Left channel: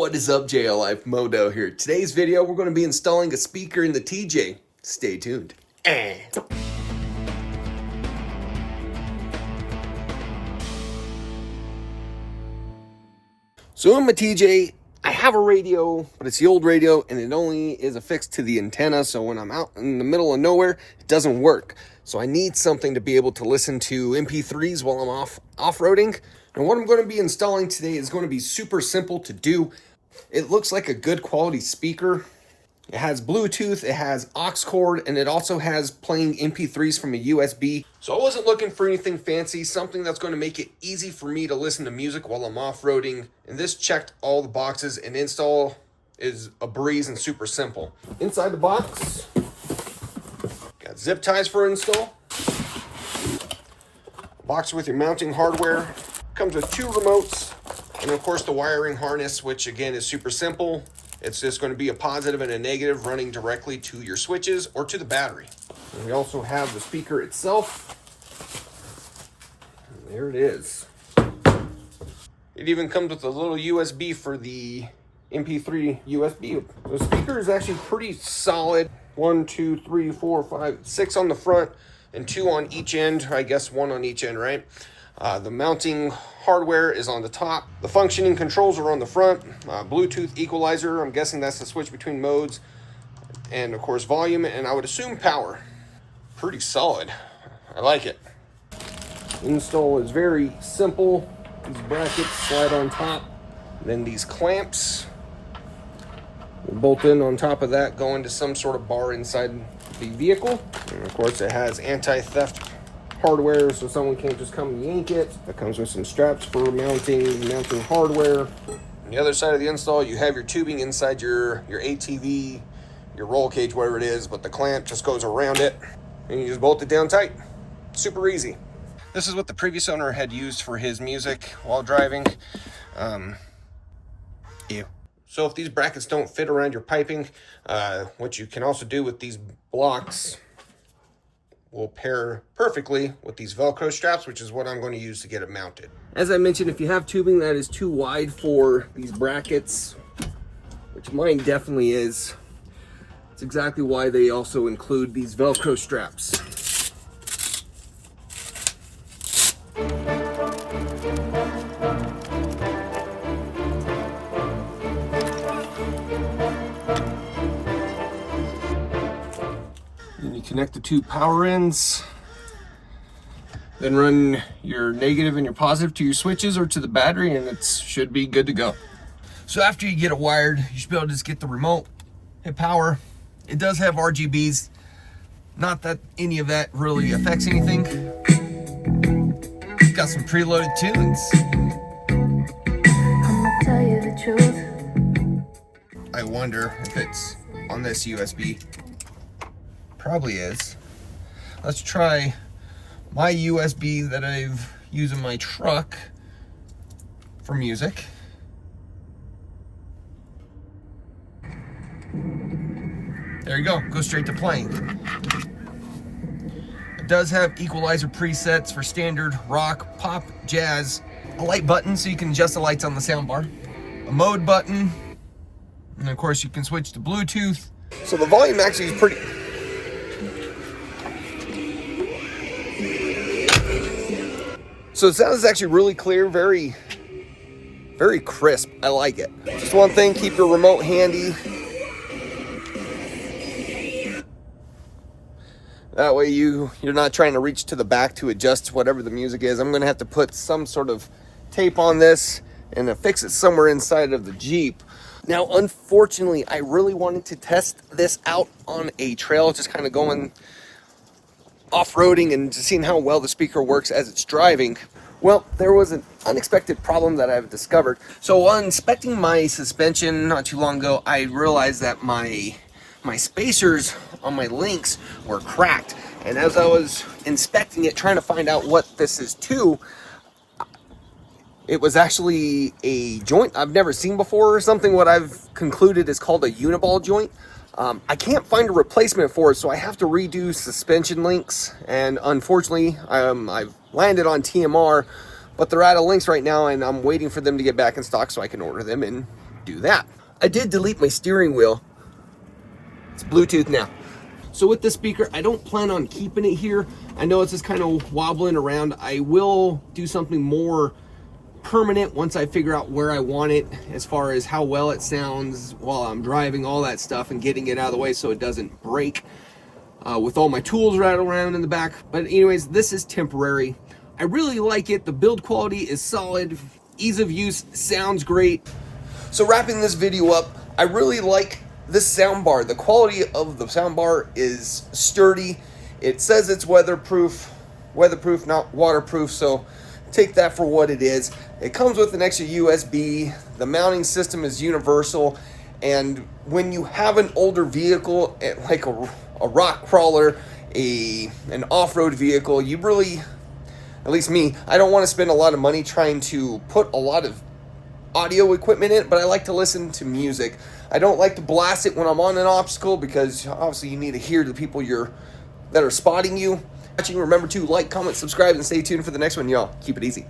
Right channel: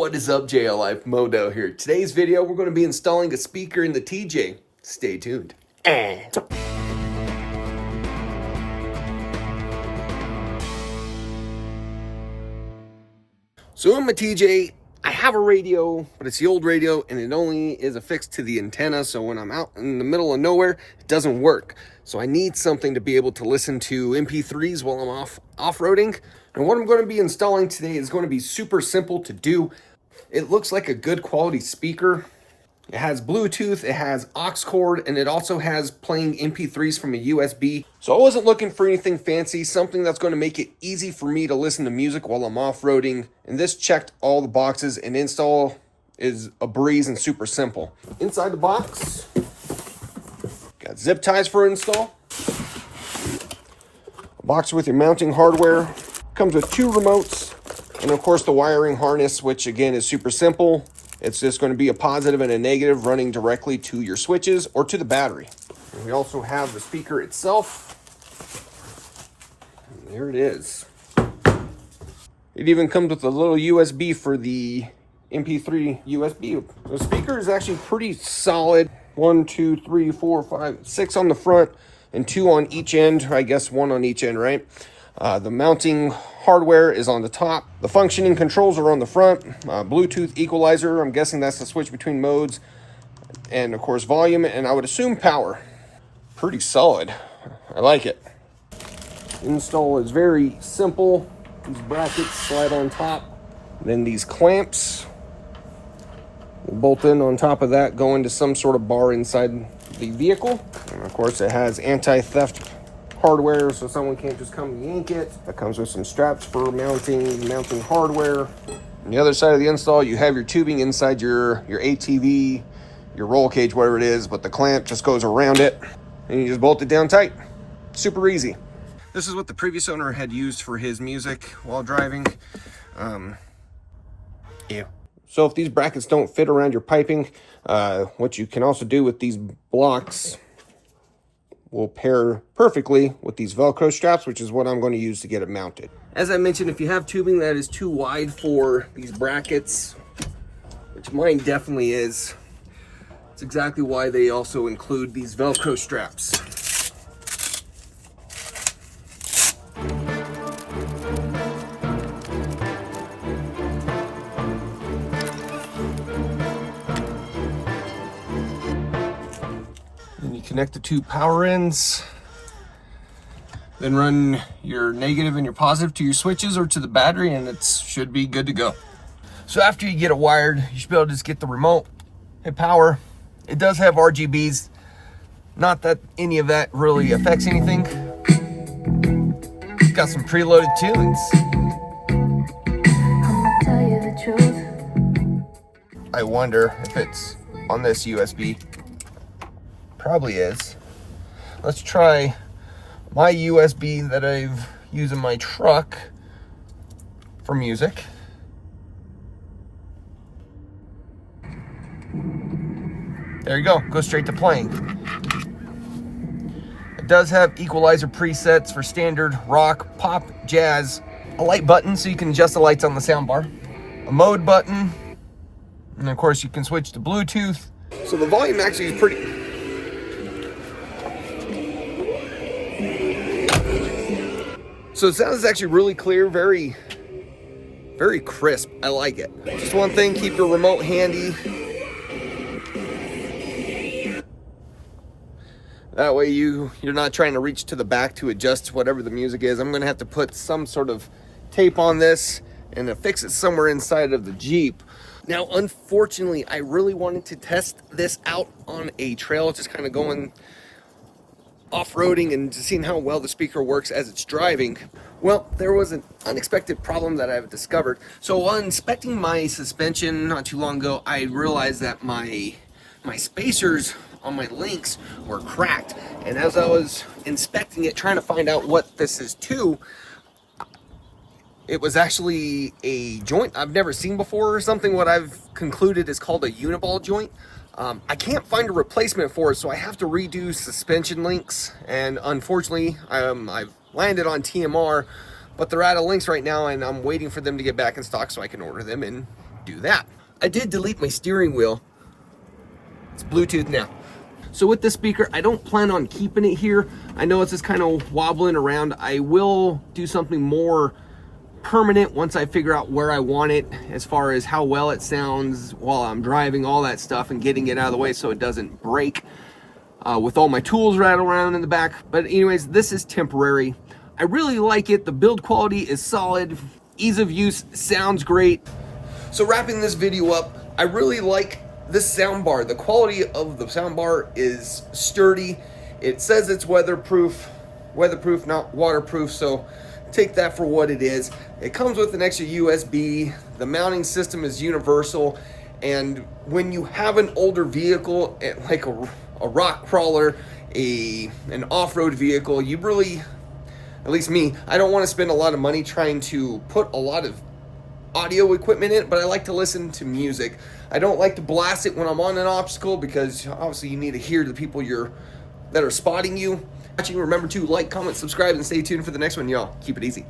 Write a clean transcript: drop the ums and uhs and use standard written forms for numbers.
What is up, JL Life? Modo here. Today's video, we're going to be installing a speaker in the TJ. Stay tuned. So in my TJ, I have a radio, but it's the old radio, and it only is affixed to the antenna. So when I'm out in the middle of nowhere, it doesn't work. So I need something to be able to listen to MP3s while I'm off-roading. And what I'm going to be installing today is going to be super simple to do. It looks like a good quality speaker. It has Bluetooth, it has aux cord, and it also has playing MP3s from a USB. So I wasn't looking for anything fancy, something that's going to make it easy for me to listen to music while I'm off-roading. And this checked all the boxes, and install is a breeze and super simple. Inside the box, got zip ties for install. A box with your mounting hardware. Comes with 2 remotes. And of course the wiring harness, which again is super simple. It's just going to be a positive and a negative running directly to your switches or to the battery. And we also have the speaker itself. And there it is. It even comes with a little USB for the MP3 USB. The speaker is actually pretty solid. 1, 2, 3, 4, 5, 6 on the front and 2 on each end. I guess 1 on each end, right? The mounting hardware is on the top. The functioning controls are on the front. Bluetooth equalizer, I'm guessing that's the switch between modes. And of course volume, and I would assume power. Pretty solid. I like it. Install is very simple. These brackets slide on top. And then these clamps will bolt in on top of that, go into some sort of bar inside the vehicle. And of course it has anti-theft hardware, so someone can't just come and yank it. That comes with some straps for mounting hardware. On the other side of the install, you have your tubing inside your ATV, your roll cage, whatever it is, but the clamp just goes around it, and you just bolt it down tight. Super easy. This is what the previous owner had used for his music while driving. So if these brackets don't fit around your piping, what you can also do with these blocks will pair perfectly with these Velcro straps, which is what I'm going to use to get it mounted. As I mentioned, if you have tubing that is too wide for these brackets, which mine definitely is, it's exactly why they also include these Velcro straps. Connect the 2 power ends, then run your negative and your positive to your switches or to the battery, and it should be good to go. So after you get it wired, you should be able to just get the remote, hit power. It does have RGBs, not that any of that really affects anything. It's got some preloaded tunes. I'ma tell you the truth. I wonder if it's on this USB. Probably is. Let's try my USB that I've used in my truck for music. There you go, go straight to playing. It does have equalizer presets for standard, rock, pop, jazz, a light button so you can adjust the lights on the soundbar, a mode button, and of course you can switch to Bluetooth. So the volume actually is pretty. So the sound is actually really clear, very crisp. I like it. Just one thing, keep your remote handy. That way you're not trying to reach to the back to adjust whatever the music is. I'm gonna have to put some sort of tape on this and affix it somewhere inside of the Jeep. Now, unfortunately, I really wanted to test this out on a trail, just kind of going off-roading and just seeing how well the speaker works as it's driving. Well, there was an unexpected problem that I've discovered. So while inspecting my suspension not too long ago, I realized that my spacers on my links were cracked. And as I was inspecting it, trying to find out what this is to, it was actually a joint I've never seen before, or something what I've concluded is called a uniball joint. I can't find a replacement for it, so I have to redo suspension links, and unfortunately I've landed on TMR, but they're out of links right now, and I'm waiting for them to get back in stock so I can order them and do that. I did delete my steering wheel. It's Bluetooth now. So with this speaker, I don't plan on keeping it here. I know it's just kind of wobbling around. I will do something more permanent once I figure out where I want it, as far as how well it sounds while I'm driving, all that stuff, and getting it out of the way so it doesn't break with all my tools rattling around in the back. But anyways, this is temporary. I really like it. The build quality is solid. Ease of use sounds great. So wrapping this video up, I really like this sound bar. The quality of the sound bar is sturdy. It says it's weatherproof, not waterproof, so take that for what it is. It comes with an extra USB. The mounting system is universal, and when you have an older vehicle, like a rock crawler, an off-road vehicle, you really, at least me, I don't want to spend a lot of money trying to put a lot of audio equipment in it, but I like to listen to music. I don't like to blast it when I'm on an obstacle, because obviously you need to hear the people that are spotting you. Remember to like, comment, subscribe, and stay tuned for the next one, y'all. Keep it easy.